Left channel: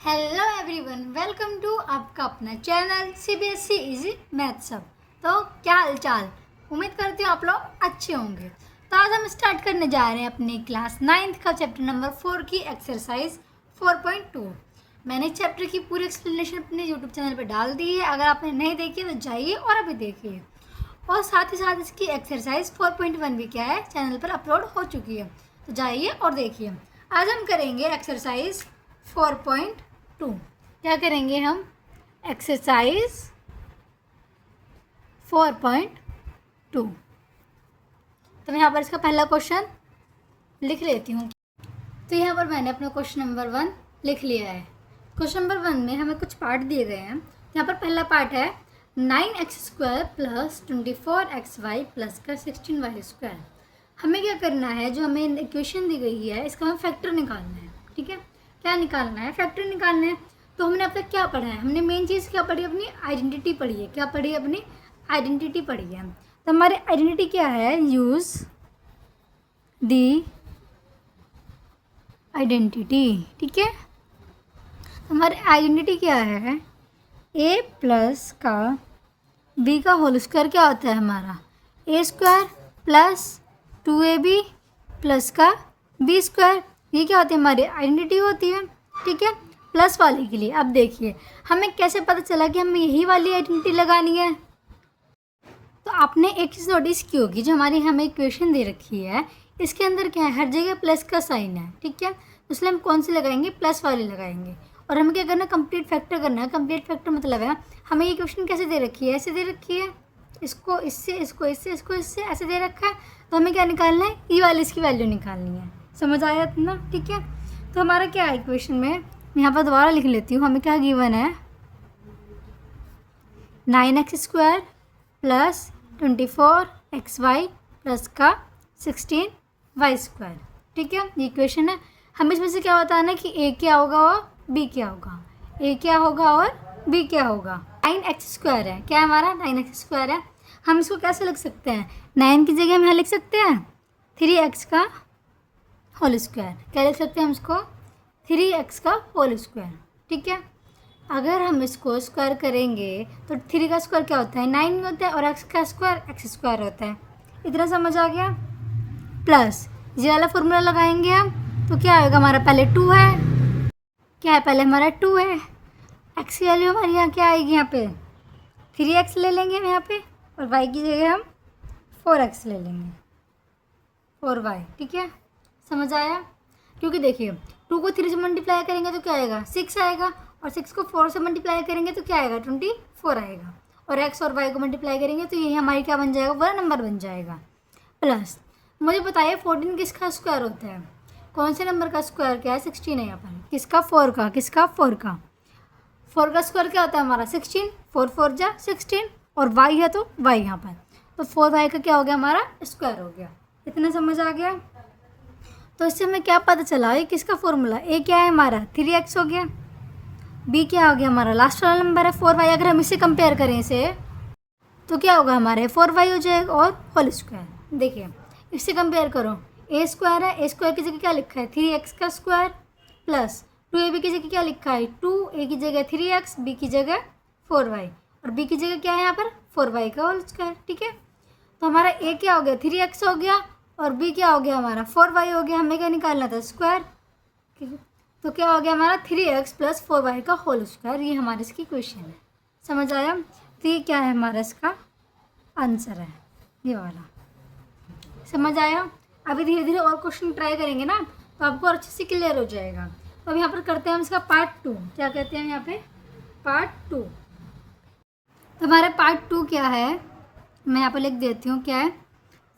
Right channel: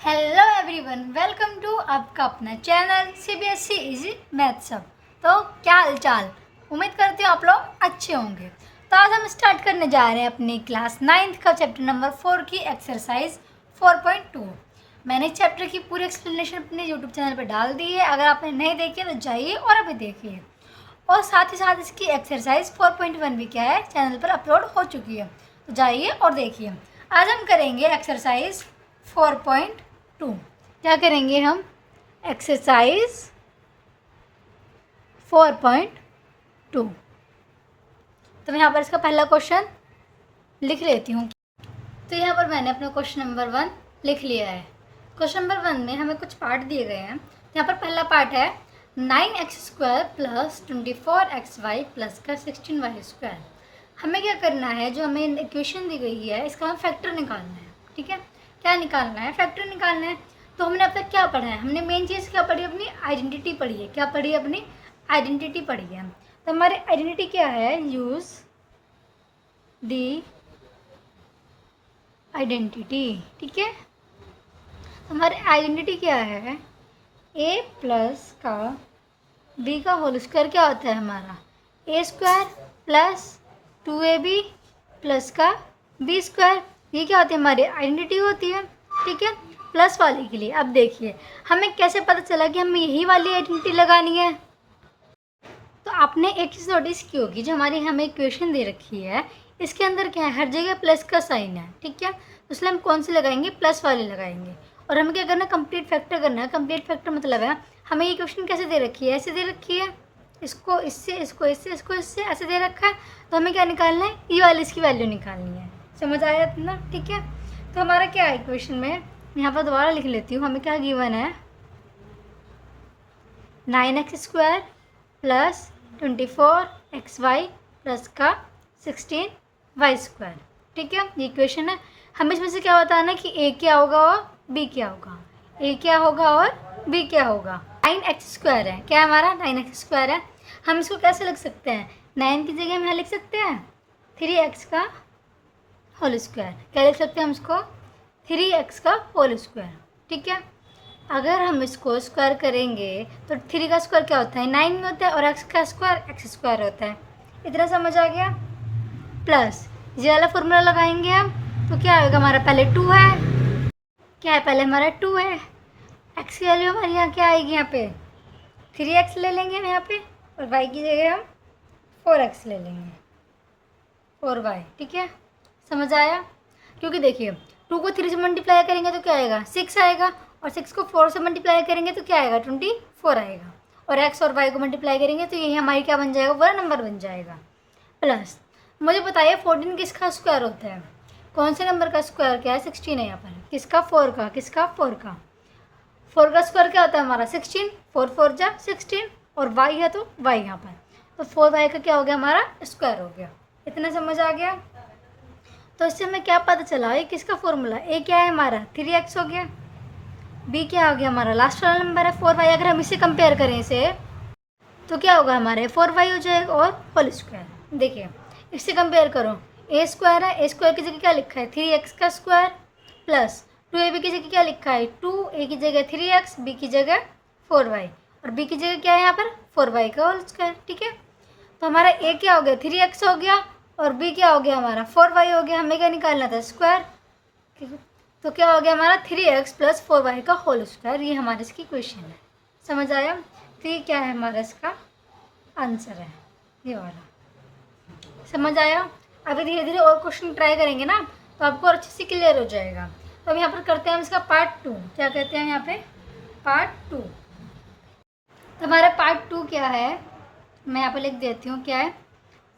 Hello everyone, welcome to आपका अपना channel CBSE easy math सब। तो क्या हालचाल, उम्मीद करती हूँ आप लोग अच्छे होंगे। तो आज हम स्टार्ट करने जा रहे हैं अपनी क्लास 9th का चैप्टर नंबर 4 की एक्सरसाइज 4.2। मैंने चैप्टर की पूरी एक्सप्लेनेशन अपने यूट्यूब चैनल पर डाल दी है। अगर आपने नहीं देखी है तो जाइए और अभी देखिए। और साथ ही साथ इसकी एक्सरसाइज 4.1 भी क्या है चैनल पर अपलोड हो चुकी है, तो जाइए और देखिए। आज हम करेंगे एक्सरसाइज 4.2। क्या करेंगे हम? एक्सरसाइज 4.2। तो मैं यहाँ पर इसका पहला क्वेश्चन लिख लेती हूँ। तो यहाँ पर मैंने अपना क्वेश्चन नंबर 1 लिख लिया है। क्वेश्चन नंबर 1 में हमें कुछ पार्ट दिए गए हैं। यहाँ पर पहला पार्ट है 9x² प्लस 24xy प्लस का 16y²। हमें क्या करना है, जो हमें इक्वेशन दी गई है इसका हमें फैक्टर निकालना है। ठीक है, क्या निकालना है? फैक्टर निकालना है। तो हमने अब तक क्या पढ़ा है? हमने मेन चीज़ क्या पढ़ी? अपनी आइडेंटिटी पढ़ी है। क्या पढ़ी? अपनी आइडेंटिटी पढ़ी है। तो हमारी आइडेंटिटी क्या है? यूज़ दी आइडेंटिटी। ठीक है, हमारी आइडेंटिटी क्या है? a प्लस का b का होल स्क्वायर क्या होता है हमारा? a² प्लस 2ab प्लस का b²। ये क्या होती है? हमारी आइडेंटिटी होती है। ठीक है, प्लस वाले के लिए। अब देखिए हमें कैसे पता चला कि हमें यही वाली आइडेंटिटी लगानी है। तो आपने एक चीज़ नोटिस की होगी, जो हमारी हमें इक्वेशन दे रखी है इसके अंदर क्या है? हर जगह प्लस का साइन है। ठीक है, इसलिए हम कौन सी लगाएंगे? प्लस वाले लगाएंगे। और हमें क्या करना है? कंप्लीट फैक्टर करना है। कंप्लीट फैक्टर मतलब है हमें ये इक्वेशन कैसे दे रखी है? ऐसे दे रखी है, इसको इससे, इसको इससे, इसको इससे, ऐसे दे रखा है। तो हमें क्या निकालना है? ई वाली इसकी वैल्यू निकालनी है। समझ आया इतना? ठीक है, तो हमारा क्या है इक्वेशन में? यहाँ पर दोबारा लिख लेती हूँ। हमें क्या गिवन है? 9x² प्लस 24xy प्लस का 16y²। ठीक है, ये इक्वेशन है। हमें इसमें से क्या बताना है कि a क्या होगा और b क्या होगा? a क्या होगा और b क्या होगा? 9x² है। क्या हमारा? 9x² है। हम इसको कैसे लिख सकते हैं? 9 की जगह हम यहाँ लिख सकते हैं 3x का होल स्क्वायर। क्या लिख सकते हैं हम इसको? 3x का होल स्क्वायर। ठीक है, अगर हम इसको स्क्वायर करेंगे तो 3 का स्क्वायर क्या होता है? 9 होता है, और x का स्क्वायर x² होता है। इतना समझ आ गया? प्लस ये वाला फॉर्मूला लगाएंगे हम, तो क्या आएगा हमारा? पहले 2 है। क्या है? पहले हमारा 2 है। x की वैल्यू हमारी यहाँ क्या आएगी? यहाँ पे 3x ले लेंगे हम यहाँ पे, और y की जगह हम 4x ले लेंगे, 4y। ठीक है, समझ आया? क्योंकि देखिए 2 को 3 से मल्टीप्लाई करेंगे तो क्या आएगा? 6 आएगा, और 6 को 4 से मल्टीप्लाई करेंगे तो क्या आएगा? 24 आएगा, और x और y को मल्टीप्लाई करेंगे तो यही हमारी क्या बन जाएगा? बड़ा नंबर बन जाएगा। प्लस मुझे बताइए 14 किसका स्क्वायर होता है? कौन से नंबर का स्क्वायर क्या है? 16 है यहाँ पर। किसका? 4 का। किसका? 4 का। 4 का स्क्वायर क्या होता है हमारा? 16। 4 4 जा 16, और y है तो y यहाँ पर, तो 4y का क्या हो गया? हमारा स्क्वायर हो गया। इतना समझ आ गया? तो इससे हमें क्या पता चला? ये किसका फॉर्मूला? a क्या है हमारा? 3x हो गया। b क्या हो गया हमारा? लास्ट वाला नंबर है 4y। अगर हम इसे कंपेयर करें इसे, तो क्या होगा हमारे? 4y हो जाएगा, और होल स्क्वायर। देखिए इससे कंपेयर करो, a² है, a² की जगह क्या लिखा है? 3x का स्क्वायर प्लस 2ab की जगह क्या लिखा है? 2a की जगह 3x, b की जगह 4y, और b की जगह क्या है यहाँ पर? 4y का होल स्क्वायर। ठीक है, तो हमारा a क्या हो गया? 3x हो गया, और b क्या हो गया हमारा? 4y हो गया। हमें क्या निकालना था? स्क्वायर। ठीक है, तो क्या हो गया हमारा? 3x प्लस 4y का होल स्क्वायर। ये हमारी इसकी क्वेश्चन है। समझ आया? तो ये क्या है हमारा इसका आंसर है, ये वाला। समझ आया? अभी धीरे धीरे और क्वेश्चन ट्राई करेंगे ना, तो आपको और अच्छे से क्लियर हो जाएगा। तो अब यहाँ पर करते हैं हम इसका पार्ट 2। क्या कहते हैं यहाँ पे? पार्ट 2। तो हमारा पार्ट 2 क्या है? मैं यहाँ पे लिख देती हूँ। क्या है?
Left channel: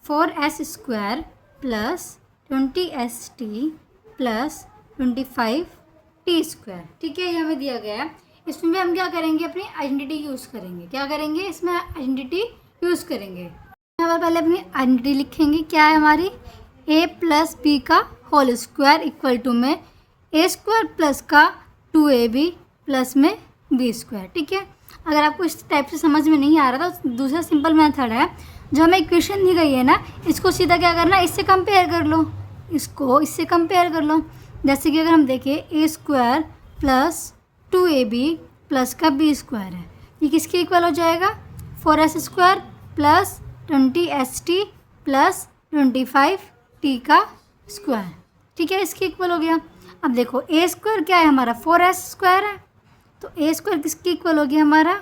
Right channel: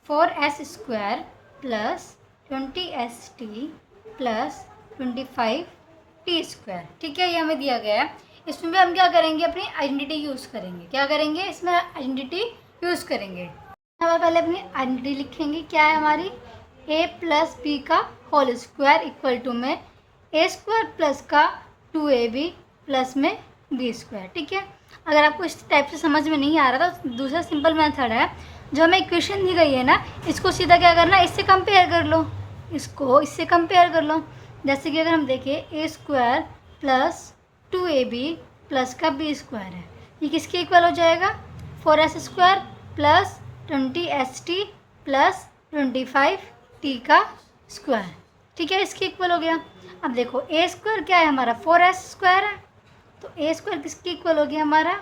4s² plus 20st plus 25t²। ठीक है, ये हमें दिया गया है। इसमें भी हम क्या करेंगे? अपनी आइडेंटिटी यूज़ करेंगे। क्या करेंगे? इसमें आइडेंटिटी यूज़ करेंगे। हम पहले अपनी आइडेंटिटी लिखेंगे। क्या है हमारी? a प्लस बी का होल स्क्वायर इक्वल टू में a² प्लस का 2ab प्लस में b²। ठीक है, अगर आपको इस टाइप से समझ में नहीं आ रहा तो दूसरा सिंपल मेथड है, जो हमें इक्वेशन दी गई है ना, इसको सीधा क्या करना? इससे कंपेयर कर लो, इसको इससे कंपेयर कर लो। जैसे कि अगर हम देखें a² प्लस 2ab प्लस का b स्क्वायर है। ये किसके इक्वल हो जाएगा? 4s square plus 20st plus 25t का स्क्वायर। ठीक है, इसके इक्वल हो गया। अब देखो ए स्क्वायर क्या है हमारा? 4s स्क्वायर है, तो ए स्क्वायर किसके इक्वल हो गया? हमारा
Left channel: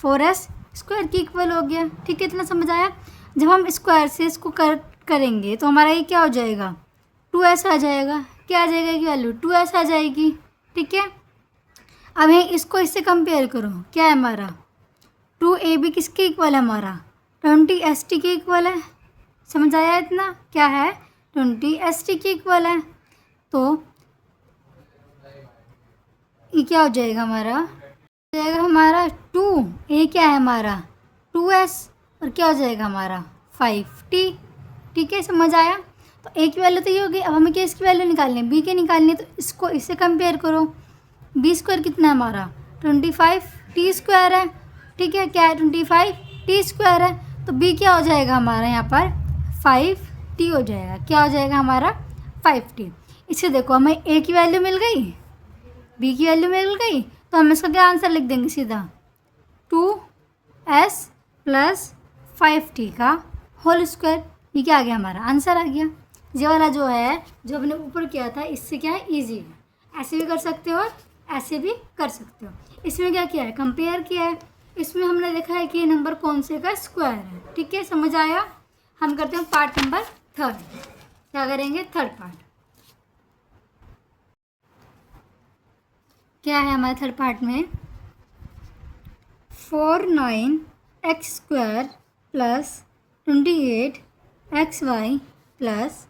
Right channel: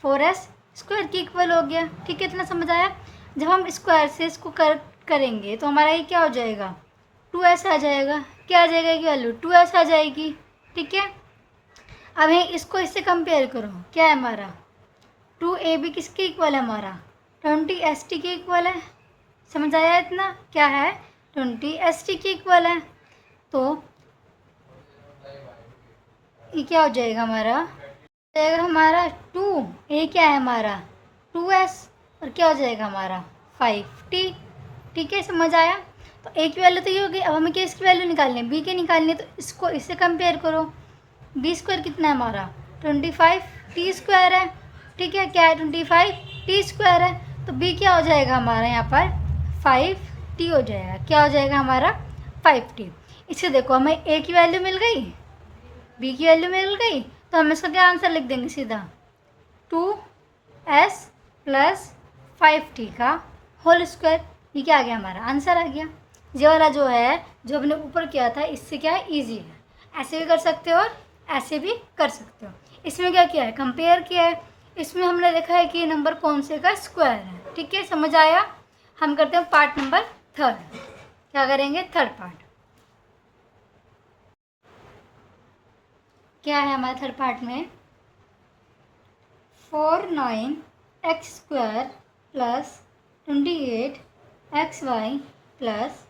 4s स्क्वायर की इक्वल हो गया। ठीक है, इतना समझ आया? जब हम स्क्वायर से इसको करेंगे तो हमारा ये क्या हो जाएगा? 2s आ जाएगा। क्या आ जाएगा की वैल्यू? 2s आ जाएगी। ठीक है, अब है इसको इससे कंपेयर करो। क्या है हमारा? 2ab किसके इक्वल है? हमारा 20st के इक्वल है। समझ आया इतना? क्या है? 20st के इक्वल है। तो ये क्या हो जाएगा हमारा? हो जाएगा हमारा 2, ए क्या है हमारा? 2s, और क्या हो जाएगा हमारा? 5t। ठीक है, समझ आया? तो ए की वैल्यू तो ये हो गई। अब हमें क्या इसकी वैल्यू निकालनी है? बी की निकालनी है, तो इसको इससे कंपेयर करो। बी स्क्वायर कितना है हमारा? 25t स्क्वायर है। ठीक है, क्या है? 25t स्क्वायर है। तो बी क्या हो जाएगा हमारा यहाँ पर? 5t हो जाएगा। क्या हो जाएगा हमारा? 5t। इसे देखो, हमें ए की वैल्यू मिल गई, बी की वैल्यू मिल गई, तो हम इसका क्या आंसर लिख देंगे? सीधा 2s प्लस 5t का होल स्क्वायर। ये क्या आ गया? हमारा आंसर आ गया। ये वाला जो है, जो हमने ऊपर किया था, इससे क्या है? ईजी है। ऐसे भी कर सकते हो और ऐसे भी कर सकते हो। इसमें क्या किया है? कंपेयर किया है। इसमें हमने देखा है कि ये नंबर कौन से का स्क्वायर है। ठीक है, समझ आया? हम करते हैं पार्ट नंबर 3। क्या करेंगे? Third part. क्या है हमारे थर्ड पार्ट में? 4 9x square plus 28xy plus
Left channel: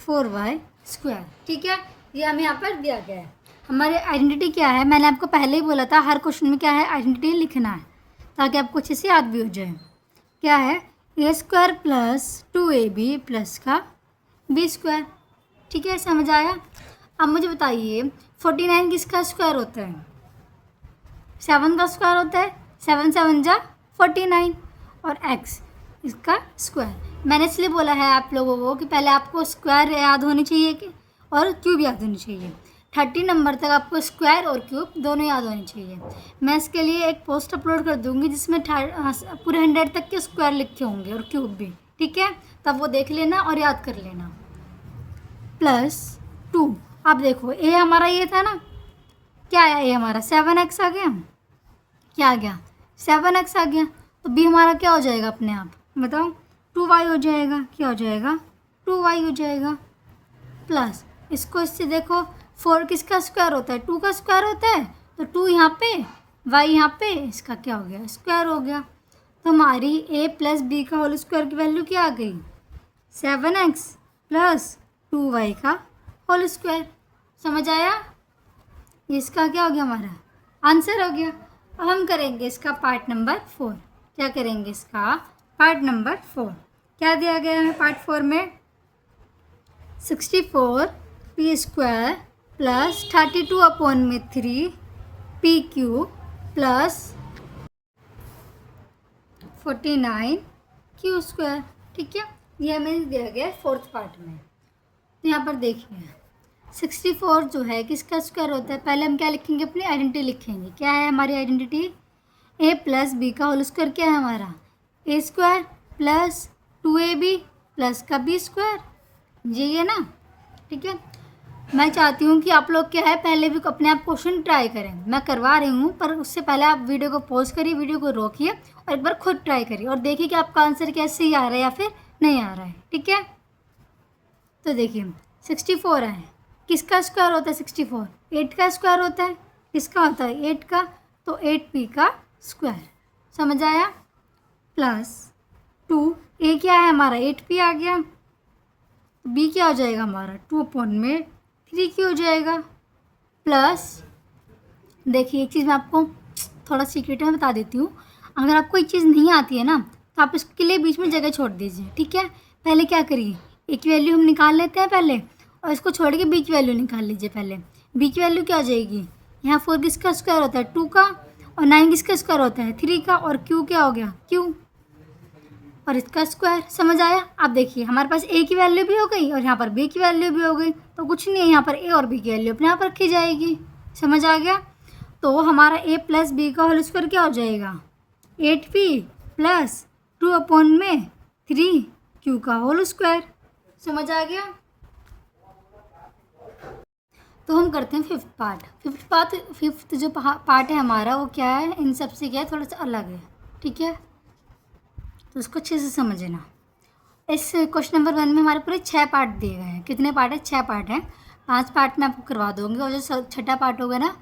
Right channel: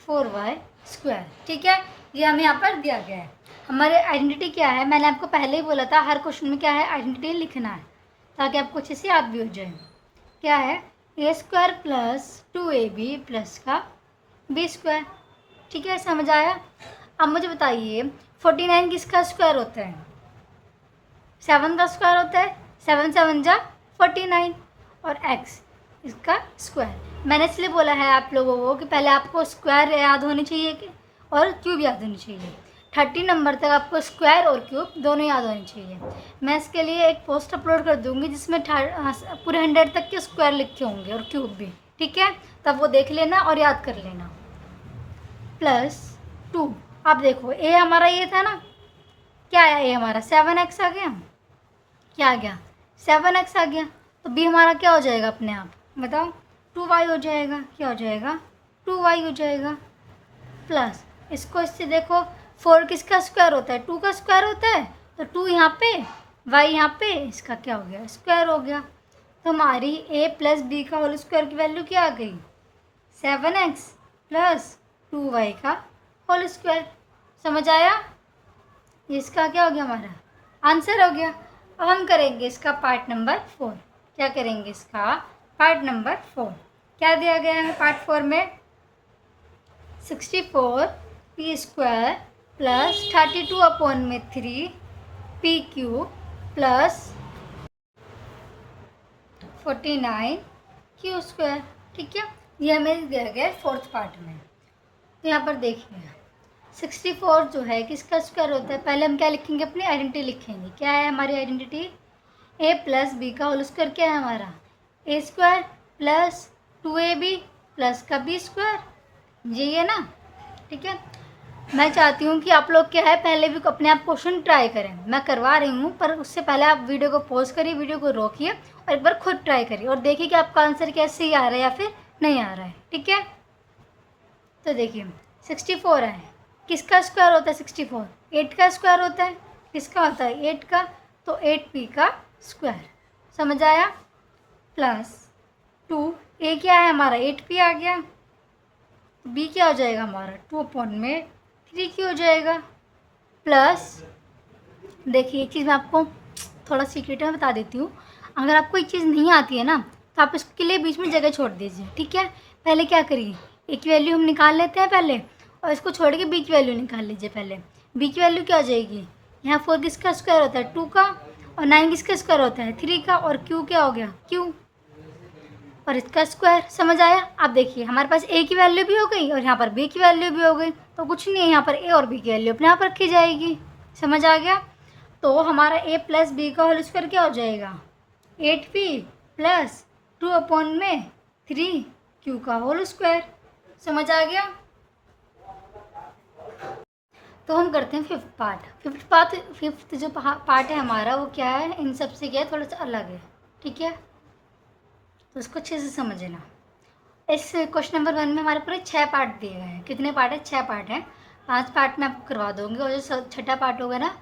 4y square. ठीक है, ये हमें यहाँ पर दिया गया है। हमारे आइडेंटिटी क्या है? मैंने आपको पहले ही बोला था, हर क्वेश्चन में क्या है? आइडेंटिटी लिखना है, ताकि आपको अच्छे से याद भी हो जाए। क्या है? ए स्क्वायर प्लस 2ab प्लस का b स्क्वायर। ठीक है, समझ आया? अब मुझे बताइए 49 किसका स्क्वायर होता है? 7 का स्क्वायर होता है। 7 7 जा 49, और x इसका स्क्वायर। मैंने इसलिए बोला है आप लोगों को कि पहले आपको स्क्वायर याद होनी चाहिए कि और क्यूब याद होनी चाहिए। 30 नंबर तक आपको स्क्वायर और क्यूब दोनों याद होने चाहिए। मैं इसके लिए एक पोस्ट अपलोड कर दूँगी जिसमें पूरे 100 तक के स्क्वायर लिखे होंगे और क्यूब भी। ठीक है, तब वो देख लेना और याद कर लेना। प्लस 2। अब देखो ए हमारा ये था ना, क्या आया? ए हमारा 7x आ गया। क्या आ गया? 7x आ गया। तो बी हमारा क्या हो जाएगा अपने आप? बताओ। 2y हो जाएगा। क्या हो जाएगा? 2y हो जाएगा। प्लस इसको इससे देखो, 4 किसका स्क्वायर होता है? 2 का स्क्वायर होता है। तो 2 यहाँ पे, y यहाँ पे, इसका क्या हो गया? स्क्वायर हो गया। तो हमारी a प्लस बी का होल स्क्वायर की वैल्यू क्या आ गई? 7x प्लस 2y का होल स्क्वायर। समझ आया? इसका क्या हो गया? हमारा आंसर हो गया। अब हम करेंगे इसका पार्ट नंबर 4। क्या करेंगे इसका? Part number 4। क्या दिया गया है पार्ट 4 में? 64p square plus 32/3 p cube plus 49q square. ठीक है, ये हमें दिया गया है 4th पार्ट में। तो यहाँ पर देखिए 64 जो है किसका स्क्वायर होता है? पहले हम क्या लिखेंगे? अपनी आइडेंटिटी लिखेंगे। क्या है हमारी आइडेंटिटी? a प्लस बी का होल स्क्वायर क्या है हमारा? a square plus 2ab plus का b स्क्वायर। यही है ना? ठीक है, मैं चाहती हूँ कि आप लोग क्या है पहले भी अपने आप क्वेश्चन ट्राई करें। मैं करवा रही हूँ, पर उससे पहले आप वीडियो को पॉज करिए, वीडियो को रोकिए और एक बार खुद ट्राई करिए और देखिए कि आपका आंसर कैसे ही आ रहा है या फिर नहीं आ रहा है। ठीक है, तो देखिए 64 है, किसका स्क्वायर होता है? 64 8 का स्क्वायर होता है। किसका होता है? 8 का। तो 8p का स्क्वायर। समझ आया? प्लस 2 a क्या है हमारा? 8p आ गया। b क्या हो जाएगा हमारा? 2/3q हो जाएगा। प्लस देखिए एक चीज़ मैं आपको थोड़ा सीक्रेट में बता देती हूँ। अगर आपको एक चीज़ नहीं आती है ना, तो आप इसके लिए बीच में जगह छोड़ दीजिए। ठीक है, पहले क्या करिए, ए की वैल्यू हम निकाल लेते हैं पहले, और इसको छोड़ के बी की वैल्यू निकाल लीजिए। पहले बी की वैल्यू क्या आ जाएगी? यहाँ 4 किसका स्क्वायर होता है? 2 का, और 9 किसका स्क्वायर होता है? 3 का, और क्यू क्या हो गया? क्यू, और इसका स्क्वायर। समझ आया? आप देखिए हमारे पास ए की वैल्यू भी हो गई और यहाँ पर बी की वैल्यू भी हो गई, तो कुछ नहीं है, यहाँ पर ए और बी की वैल्यू अपने आप रखी जाएगी। समझ आ गया। तो हमारा a प्लस बी का होल स्क्वायर क्या हो जाएगा, 8b प्लस 2/3 का होल स्क्वायर। समझ आ गया। तो हम करते हैं फिफ्थ जो पार्ट है हमारा वो क्या है, इन सब से क्या है, थोड़ा सा अलग है। ठीक है, तो उसको अच्छे से समझना। इस क्वेश्चन नंबर 1 में हमारे पूरे 6 पार्ट दिए गए हैं। कितने पार्ट है, 6 पार्ट हैं। 5 पार्ट में आपको करवा दूँगी और जो छठा पार्ट होगा ना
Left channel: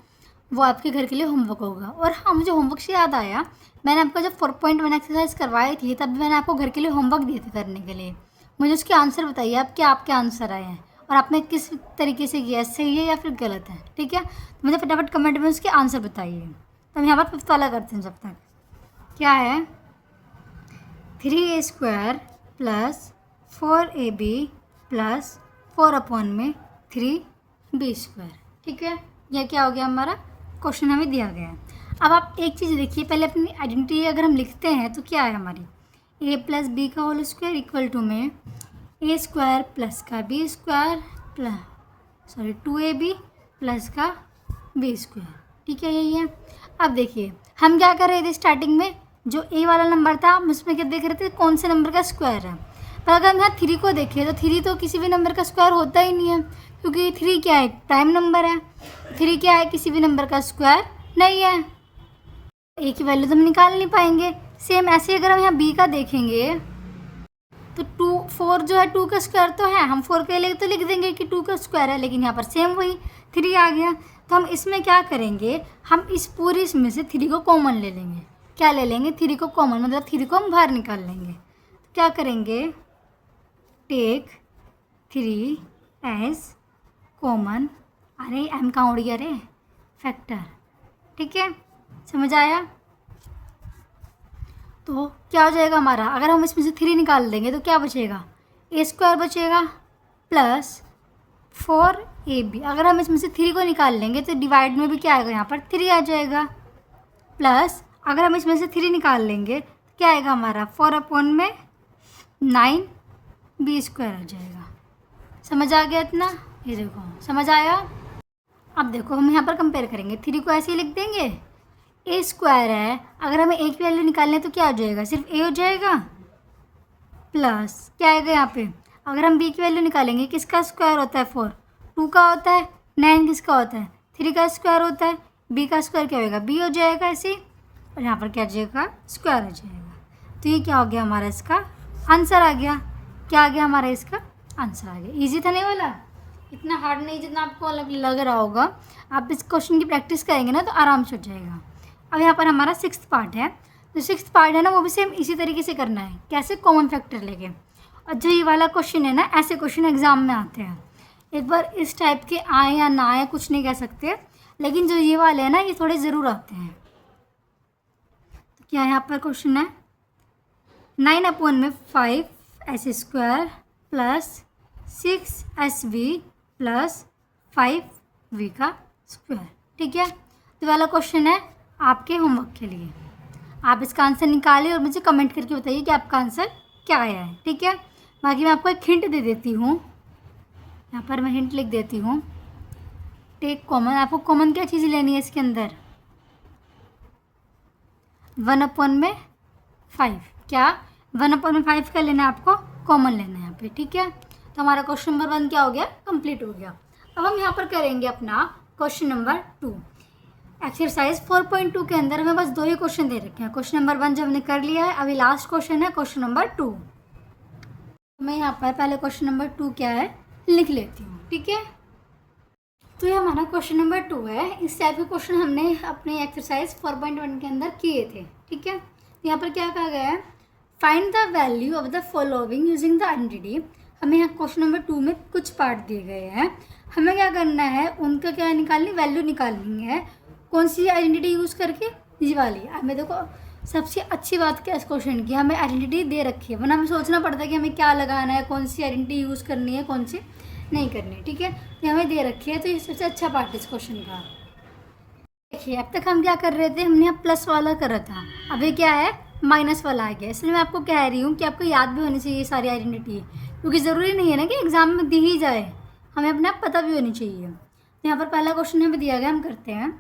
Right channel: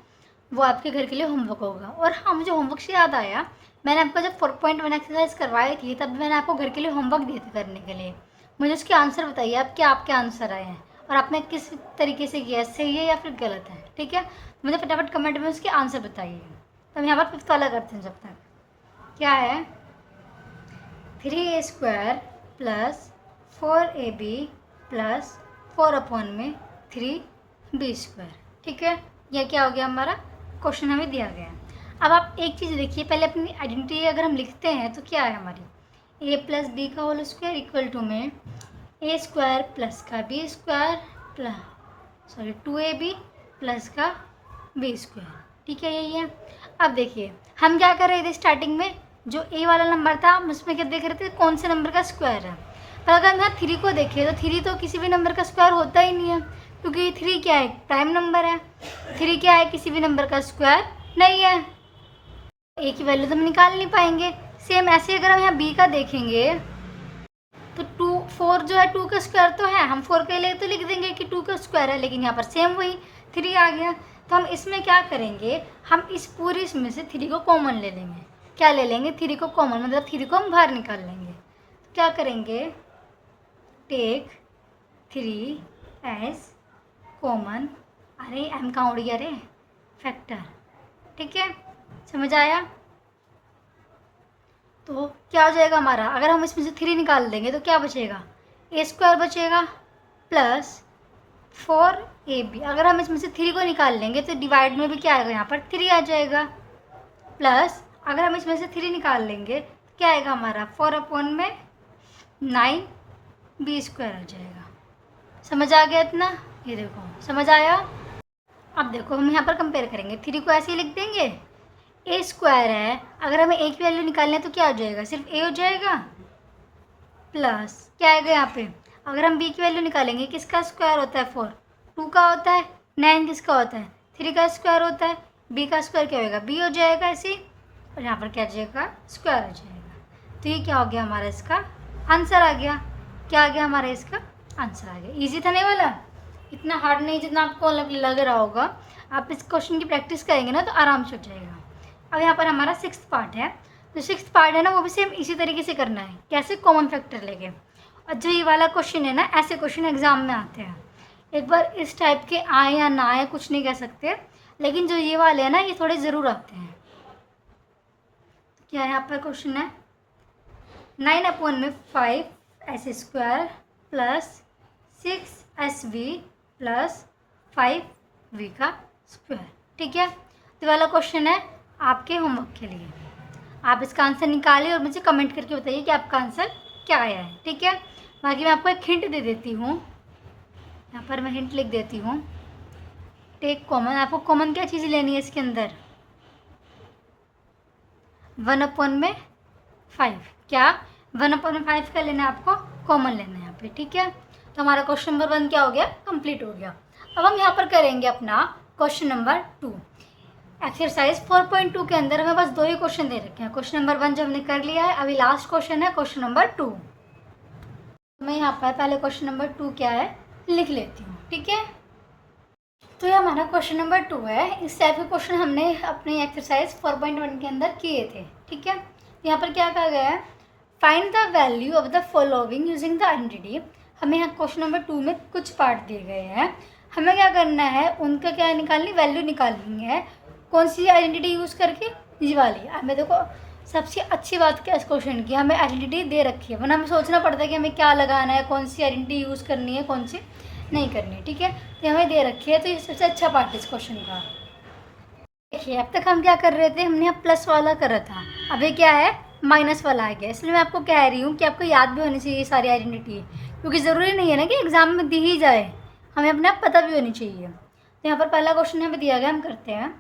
वो आपके घर के लिए होमवर्क होगा। और हाँ, मुझे होमवर्क से याद आया, मैंने आपको जब 4.1 एक्सरसाइज करवाई थी तब मैंने आपको घर के लिए होमवर्क दिए थे करने के लिए। मुझे उसके आंसर बताइए आप, क्या आपके आंसर आए हैं और आपने किस तरीके से किया, सही है या फिर गलत है। ठीक है, तो मुझे फटाफट कमेंट में उसके आंसर बताइए। तो हम यहाँ पर 5th वाला करते हैं जब तक। क्या है, 3a² plus 4ab plus 4/3b²। ठीक है, यह क्या हो गया, हमारा क्वेश्चन हमें दिया गया है। अब आप एक चीज़ देखिए, पहले अपनी आइडेंटिटी अगर हम लिखते हैं तो क्या है हमारी, a प्लस बी का होल स्क्वायर इक्वल टू में a² प्लस का b² प्लस 2ab प्लस का b²। ठीक है, यही है। अब देखिए हम क्या कर रहे थे, स्टार्टिंग में जो a वाला नंबर था हम उसमें क्या देख रहे थे, कौन से नंबर का स्क्वायर है। पर अगर हम यहाँ 3 को देखें तो 3 तो किसी भी नंबर का स्क्वायर होता ही नहीं है, क्योंकि 3 क्या है, प्राइम नंबर है। 3 क्या है, किसी भी नंबर का स्क्वायर नहीं है। a की वैल्यू तो हम निकाल नहीं पाएंगे। सेम ऐसे अगर हम यहाँ b का देखेंगे तो 4 जो है 2 का स्क्वायर तो है, हम 4 के लिए तो लिख देंगे कि 2 का स्क्वायर है, लेकिन यहाँ पर सेम वही 3 आ गया। तो हम इसमें क्या करेंगे, हम इस पूरी इसमें से 3 को कॉमन ले लेंगे। क्या ले लेंगे, 3 को कॉमन, मतलब 3 को हम बाहर निकाल लेंगे। तो क्या करेंगे, टेक 3 एज कॉमन, अरे एम कहाँ उड़ गया रे, फैक्टर। ठीक है, समझ आया। तो क्या हो जाएगा हमारा, अगर हम इसमें से 3 निकाल देंगे तो क्या बचेगा, a² बचेगा प्लस 4ab। अगर हम इसमें से 3 को निकाल लेंगे तो डिवाइड में भी क्या आएगा, यहाँ पर 3 आ जाएगा। प्लस अगर हम इसमें से 3 निकाल लेंगे तो क्या आएगा हमारा, 4/9b² आ जाएगा। समझ आ गया इतना, ये देखो समझ आया। अब देखो हम यहाँ पर कंपेयर करेंगे, 3 को ऐसे ही लिख देंगे, a² है, अगर हमें a की वैल्यू निकालनी है तो क्या आ जाएगा, सिर्फ a हो जाएगा। प्लस क्या आएगा यहाँ पे, अगर हम b की वैल्यू निकालेंगे, किसका स्क्वायर होता है 4, 2 का होता है, 9 किसका होता है, 3 का स्क्वायर होता है, b का स्क्वायर क्या होगा, b हो जाएगा ऐसे, और यहाँ पर क्या आ जाएगा, स्क्वायर आ जाएगा। तो ये क्या हो गया हमारा, इसका आंसर आ गया। क्या आ गया हमारा, इसका आंसर आ गया। ईजी था नहीं वाला, इतना हार्ड नहीं जितना आपको लग रहा होगा। आप इस क्वेश्चन की प्रैक्टिस करेंगे ना तो आराम से हो जाएगा। अब यहाँ पर हमारा 6th पार्ट है, तो 6th पार्ट है ना वो भी सेम इसी तरीके से करना है। कैसे, कॉमन फैक्टर लेके। और जो ये वाला क्वेश्चन है ना, ऐसे क्वेश्चन एग्जाम में आते हैं। एक बार इस टाइप के आए या ना आए कुछ नहीं कह सकते, लेकिन जो ये वाले हैं ना ये थोड़े ज़रूर आते हैं। तो क्या यहाँ पर क्वेश्चन है, 9/5 s² plus 6sv plus 5v का स्क्वायर। ठीक है, तो वाला क्वेश्चन है आपके होमवर्क के लिए। आप इसका आंसर निकालिए और मुझे कमेंट करके बताइए कि आपका आंसर क्या आया है। ठीक है, बाकी मैं आपको एक हिंट दे देती हूँ, यहाँ पर मैं हिंट लिख देती हूँ। टेक कॉमन, आपको कॉमन क्या चीज़ लेनी है इसके अंदर, 1/5। क्या, 1/5 का लेना है आपको, कॉमन लेना है यहाँ पे। ठीक है, तो हमारा क्वेश्चन नंबर 1 क्या हो गया, कंप्लीट हो गया। अब हम यहाँ पर करेंगे अपना क्वेश्चन नंबर 2। एक्सरसाइज 4.2 के अंदर हमें बस 2 ही क्वेश्चन दे रखे हैं। क्वेश्चन नंबर 1 जो हमने कर लिया है, अभी लास्ट क्वेश्चन है क्वेश्चन नंबर 2। मैं यहाँ पर पहले क्वेश्चन नंबर 2 क्या है लिख लेती हूँ। ठीक है, तो ये हमारा क्वेश्चन नंबर 2 है। इस टाइप के क्वेश्चन हमने अपने एक्सरसाइज 4.1 के अंदर किए थे। ठीक है, यहाँ पर क्या कहा गया है, find the value of the following using the identity. हमें यहाँ क्वेश्चन नंबर 2 में कुछ पार्ट दिए गए हैं, हमें क्या करना है, उनका क्या निकालनी, वैल्यू निकालनी है। कौन सी आइडेंटिटी यूज़ करके, ये वाली। हमें देखो सबसे अच्छी बात क्या इस क्वेश्चन की, हमें आइडेंटिटी दे रखी है, वरना हमें सोचना पड़ता है कि हमें क्या लगाना है, कौन सी आइडेंटिटी यूज़ करनी है, कौन सी नहीं करनी। ठीक है, तो हमें दे रखी है, तो ये सबसे अच्छा पार्ट है इस क्वेश्चन का। देखिए अब तक हम क्या कर रहे थे, हमने यहाँ प्लस वाला कर रहा था, अब ये क्या है, माइनस वाला आ गया। इसलिए मैं आपको कह रही हूँ कि आपको याद भी होनी चाहिए सारी आइडेंटिटी, क्योंकि ज़रूरी नहीं है ना कि एग्ज़ाम में दी ही जाए, हमें अपने आप पता भी होनी चाहिए। यहाँ पर पहला क्वेश्चन हमें दिया गया, हम करते हैं।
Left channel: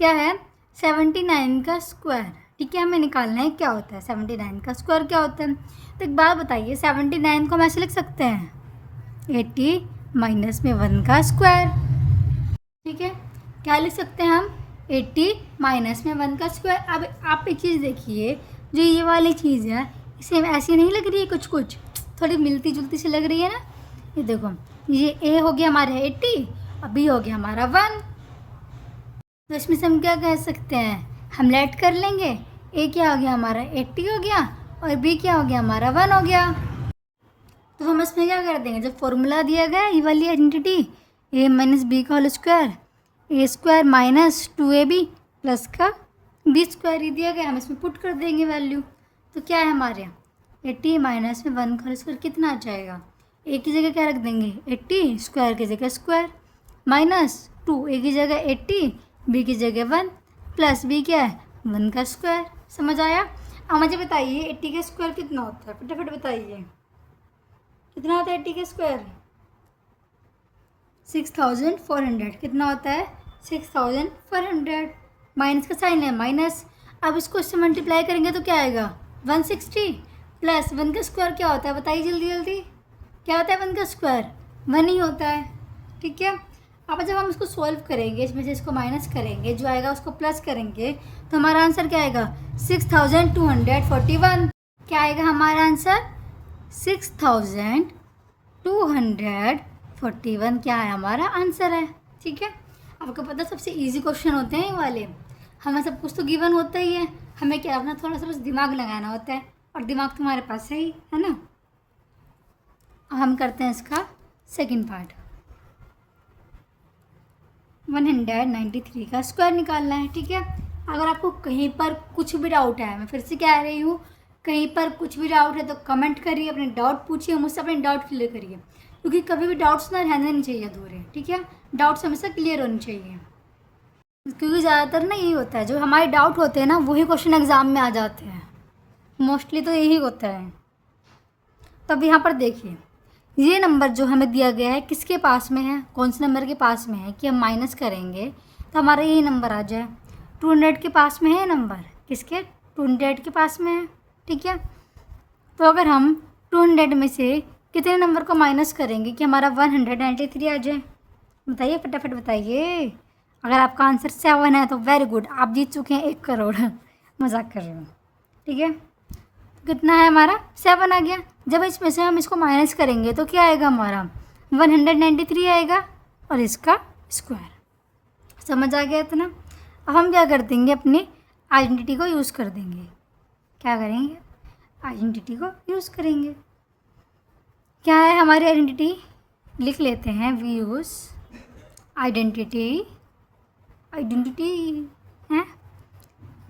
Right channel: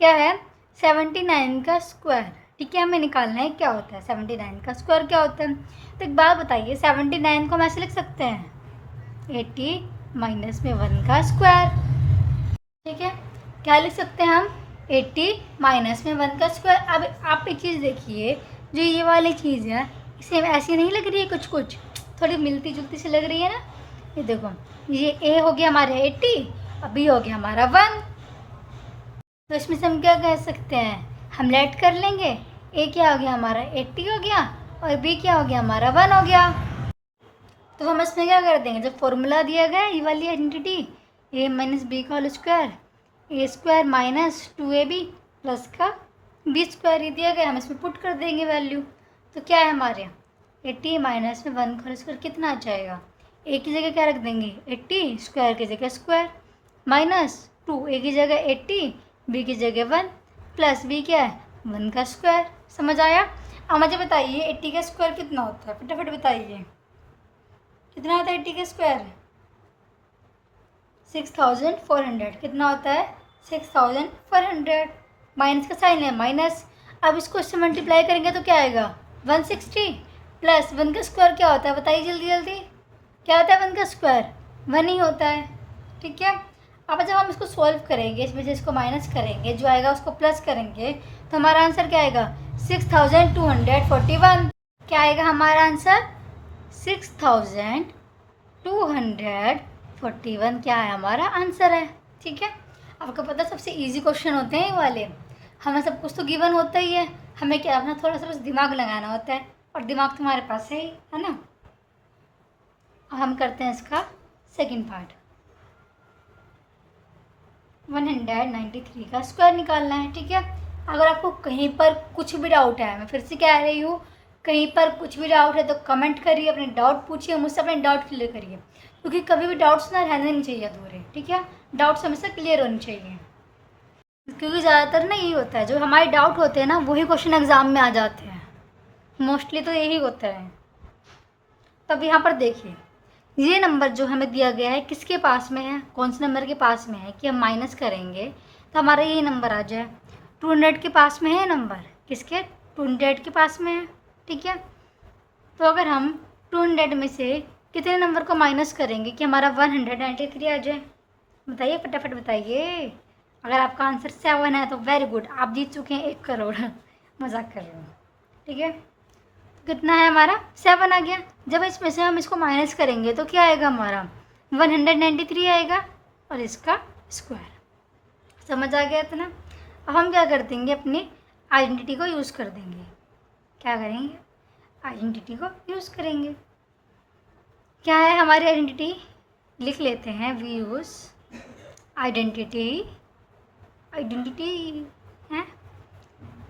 क्या है? 79 का स्क्वायर। ठीक है, हमें निकालना है क्या होता है 79 का स्क्वायर क्या होता है। तो एक बात बताइए, 79 को हम ऐसे लिख सकते हैं 80 माइनस में 1 का स्क्वायर। ठीक है, क्या लिख सकते हैं हम? 80 माइनस में 1 का स्क्वायर। अब आप एक चीज़ देखिए, जो ये वाली चीज़ है इसे ऐसी नहीं लग रही है, कुछ कुछ थोड़ी मिलती जुलती सी लग रही है ना। ये देखो, ये ए हो गया हमारा 80 और बी हो गया हमारा 1। तो इसमें से हम क्या कह सकते हैं, हम लेट कर लेंगे। ए क्या हो गया हमारा 80 हो गया और बी क्या हो गया हमारा 1 हो गया। तो हम इसमें क्या कर देंगे, जब फॉर्मूला दिया गया ये वाली आइडेंटिटी ए माइनस बी का होल स्क्वायर, ए स्क्वायर माइनस 2ab प्लस का बी स्क्वायर ये दिया गया, हम इसमें पुट कर देंगे वैल्यू। तो क्या है हमारे 80 माइनस में 1 का होल स्क्वायर कितना आ जाएगा। ए की जगह क्या रख देंगे 80, स्क्वायर की जगह स्क्वायर, माइनस 2, ए की जगह 80, बी की जगह 1, प्लस बी क्या है 1 का स्क्वायर। समझ आया? अब मुझे बताइए 80 का स्क्वायर कितना होता है, फटाफट बताइए कितना होता है 80 का स्क्वायर। 6400। कितना होता है 6400। माइनस का साइन है माइनस। अब इसको इससे मल्टीप्लाई करेंगे तो क्या आएगा 160 प्लस 1 का स्क्वायर क्या होता है बताइए जल्दी जल्दी। क्या होता है 1 का स्क्वायर 1 ही होता है। ठीक है, अब जब हम इसको सॉल्व करेंगे, इसमें से इसको माइनस करेंगे, जो आएगा उसको प्लस करेंगे, तो हमारा आंसर क्या आएगा 6241। क्या आएगा हमारा आंसर 6241 क्या है हमारा आंसर है। ठीक है, आपको पता है सबसे इजी क्वेश्चन होते हैं ये वाले। हमें सब कुछ तो गिवन होता ही है, हमें क्या अपना थोड़ा सा बस दिमाग लगाना होता है, और दिमाग तुम्हारे पास है ही, है ना। अब हम करते हैं इसका सेकंड पार्ट। 193 का स्क्वायर निकालना है। ठीक है, अगर आपको कहीं पर कुछ भी डाउट है, मैं फिर से कह रही हूँ, कहीं पर कुछ भी डाउट है तो कमेंट करिए, अपने डाउट पूछिए, मुझसे अपने डाउट क्लियर करिए, क्योंकि कभी भी डाउट्स ना रहने नहीं चाहिए अधूरे। ठीक है, डाउट्स हमेशा क्लियर होने चाहिए, क्योंकि ज़्यादातर ना यही होता है, जो हमारे डाउट होते हैं ना वही क्वेश्चन एग्ज़ाम में आ जाते हैं, मोस्टली तो यही होता है। तब यहाँ पर देखिए, ये नंबर जो हमें दिया गया है किसके पास में है, कौन से नंबर के पास में है कि हम माइनस करेंगे तो हमारा यही नंबर आ जाए। 200 के पास में है नंबर, किसके 200 के पास में है। ठीक है, तो अगर हम 200 में से कितने नंबर को माइनस करेंगे कि हमारा 193 आ जाए, बताइए फटाफट बताइए। अगर आपका आंसर 7 है तो वेरी गुड, आप जीत चुके हैं 1 करोड़। मजाक कर रहे हो। ठीक है, कितना है हमारा 7 आ गया। जब इसमें से हम इसको माइनस करेंगे तो क्या आएगा हमारा 193 आएगा और इसका स्क्वायर। समझ आ गया इतना। अब हम क्या कर देंगे, अपनी आइडेंटिटी को यूज़ कर देंगे। क्या करेंगे, आइडेंटिटी को यूज़ करेंगे। क्या है हमारी आइडेंटिटी, लिख लेते हैं, वी यूज़ आइडेंटिटी। आइडेंटिटी है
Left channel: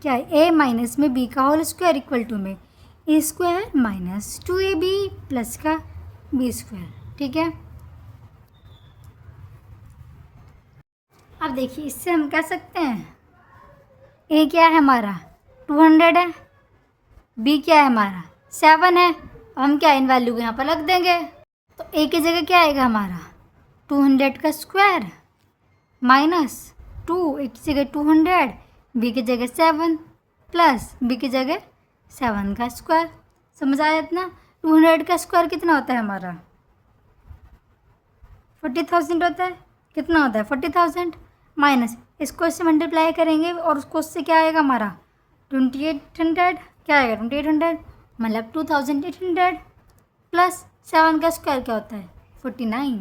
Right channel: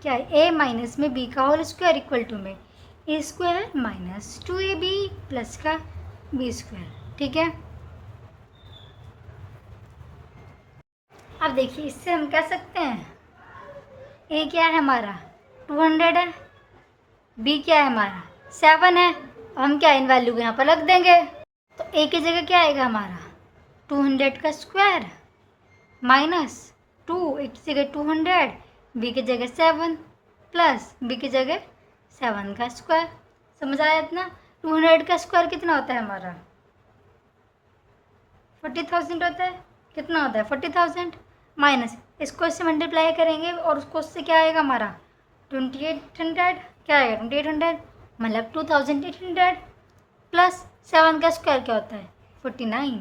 क्या है, ए माइनस में बी का होल स्क्वायर इक्वल टू में ए स्क्वायर माइनस 2ab प्लस का बी स्क्वायर। ठीक है, अब देखिए इससे हम कह सकते हैं ए क्या है हमारा 200 है, बी क्या है हमारा 7 है। अब हम क्या इन वैल्यू को यहाँ पर रख देंगे, तो ए की जगह क्या आएगा हमारा 200 का स्क्वायर माइनस 2, ए की जगह 200, बी की जगह 7 प्लस बी की जगह 7 का स्क्वायर। समझ आया इतना। 200 का स्क्वायर कितना होता है हमारा 40,000 होता है। कितना होता है 40,000 माइनस इसको इससे मल्टीप्लाई करेंगे और उसको उससे क्या आएगा हमारा 2800। क्या आएगा 2800 मतलब 2800 प्लस 7 का स्क्वायर क्या होता है 49।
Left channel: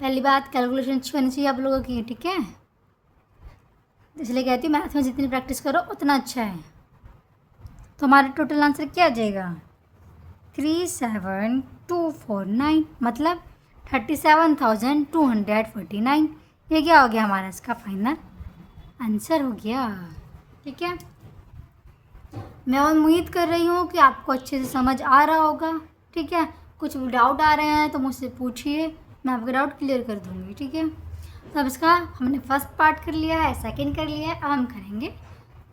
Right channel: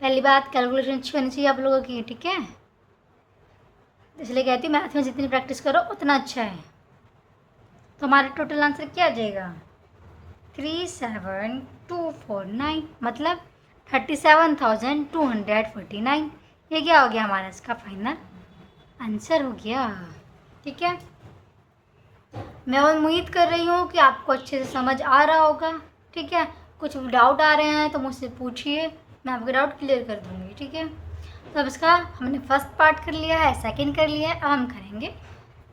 पहली बात कैलकुलेशन अच्छी होनी चाहिए आप लोगों की। ठीक है, इसलिए कहती हूँ मैथ में जितनी प्रैक्टिस करो उतना अच्छा है। तो हमारा टोटल आंसर क्या आ जाएगा 37249 मतलब 37,249। ये क्या हो गया हमारा इसका फाइनल आंसर हो गया। ठीक है, मैं उम्मीद कर रही हूँ कि आपको अच्छे से समझ आ रहा होगा। ठीक है, कुछ डाउट आ रहे हैं तो मुझसे पूछिए, मैं आपका डाउट क्लियर कर दूँगी। ठीक है, तो अब इसका हमने फर्स्ट पार्ट कर लिया है, सेकंड कर लिया है, अब हम करेंगे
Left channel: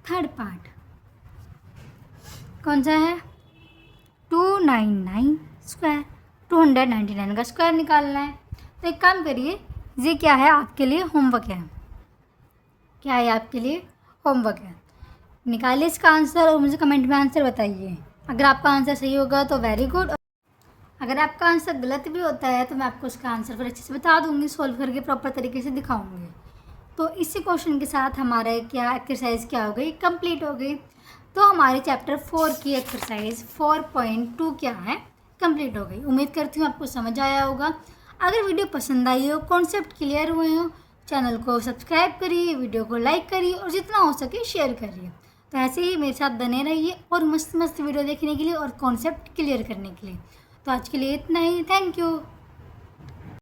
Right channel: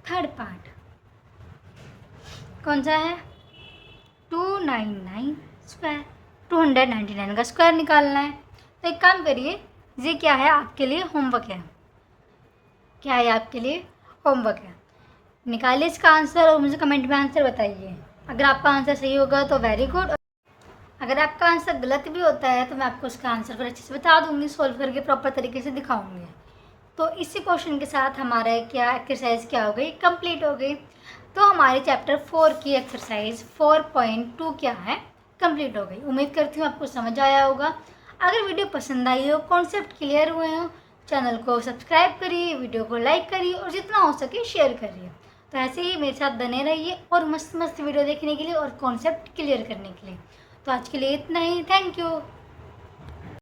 थर्ड पार्ट। कौन सा है 299 स्क्वायर, 299 का स्क्वायर निकालना है। तो एक काम करिए, ये क्या है आपके लिए होमवर्क है, क्या है आपके लिए होमवर्क है। निकालिए इसका आंसर और मुझे कमेंट में आंसर बताइए। अगर आपका आंसर सही होगा तो वेरी गुड, अगर आपका आंसर गलत भी होता है तो मैं आपको उसका आंसर फिर अच्छे से बता दूंगी, सोल्व करके प्रॉपर तरीके से दिखाऊंगी। तो इसी क्वेश्चन के साथ हमारा क्या एक्सरसाइज क्या हो गई, कंप्लीट हो गई। तो हमारे चैप्टर 4 की एक्सरसाइज 4.2 क्या है, कंप्लीट हो गई। उम्मीद करती हूँ आपको समझ आया होगा। अगर वीडियो पसंद आई हो, कॉन्सेप्ट क्लियर हुए हो, चैनल को सब्सक्राइब करिए, वीडियो को लाइक करिए और जितना हो सके शेयर करिए। तो ऐसे ही मेरे साथ बने रहिए और मस्त मस्त वीडियो देखने के लिए और कॉन्सेप्ट क्लियर करने के लिए। तो आज के लिए इतना ही, थैंक यू।